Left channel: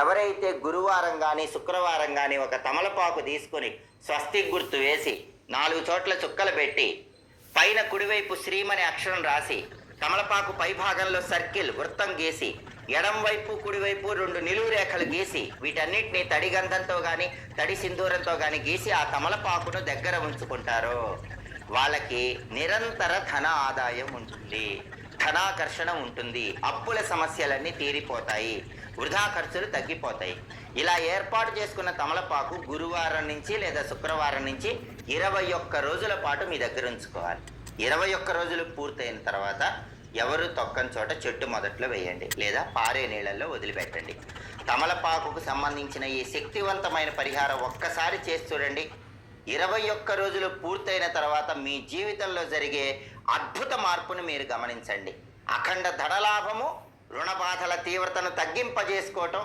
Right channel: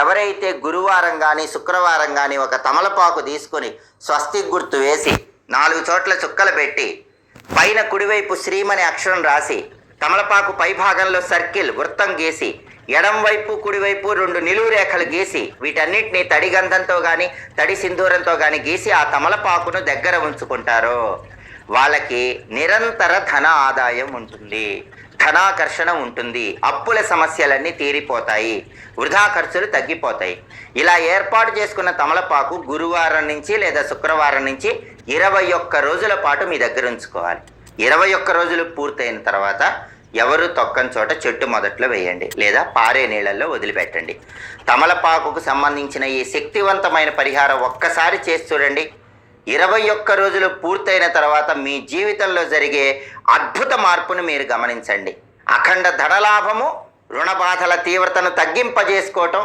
ఎవరైతే గురువారం కానీ శుక్రవారం కానీ ఒక తమలపాకు తీసుకొని స్వస్తిక్ గుర్తు వేసి 4 చోట్ల చుక్కలు పెట్టి పైన కుడివైపు శ్రీమని అక్షరం రాసి తమలపాకు పై భాగంలో సర్కిల్ వృత్తం గీసి ఎడం వైపు కుడివైపు 2 నిలువు రేఖలు గీసి వీటన్నిటిని తడి గంధంతో కానీ తడి సింధూరంతో కానీ గీసి ఆ తమలపాకును దగ్గర ఉంచుకుంటారో వాళ్ళకి నిరంతర ధన ఆదాయం ఉంటుంది, ధనాకర్షణ ఉంటుంది, అప్పుల సమస్యలన్నీ తీరిపోతాయి, వృధా ఖర్చులు తగ్గిపోతాయి. ఇలా ఏర్పాటు చేసుకున్న తమలపాకు గురువారం నుంచి లేదా శుక్రవారం నుంచి 21 రోజుల పాటు మీ దగ్గర ఉంచుకోవాలి. 21 రోజులు పూర్తయిన తర్వాత ఎవరు తొక్కని చోట చెట్టు మొదట్లో వేయండి లేదా పారే నీళ్ళల్లో వదిలిపెట్టండి. తమలపాకుకు సంబంధించిన ఈ శక్తివంతమైన పరిహారం ఒక్కసారి చేసి చూడండి. 21 రోజులు పూర్తయిన తర్వాత మీ జీవితంలో జరిగే అద్భుత మార్పును మీరు గమనించండి. అఖండ ధనలాభము, రుణ బాధల తీవ్రతను తగ్గింపజేసుకోవటం,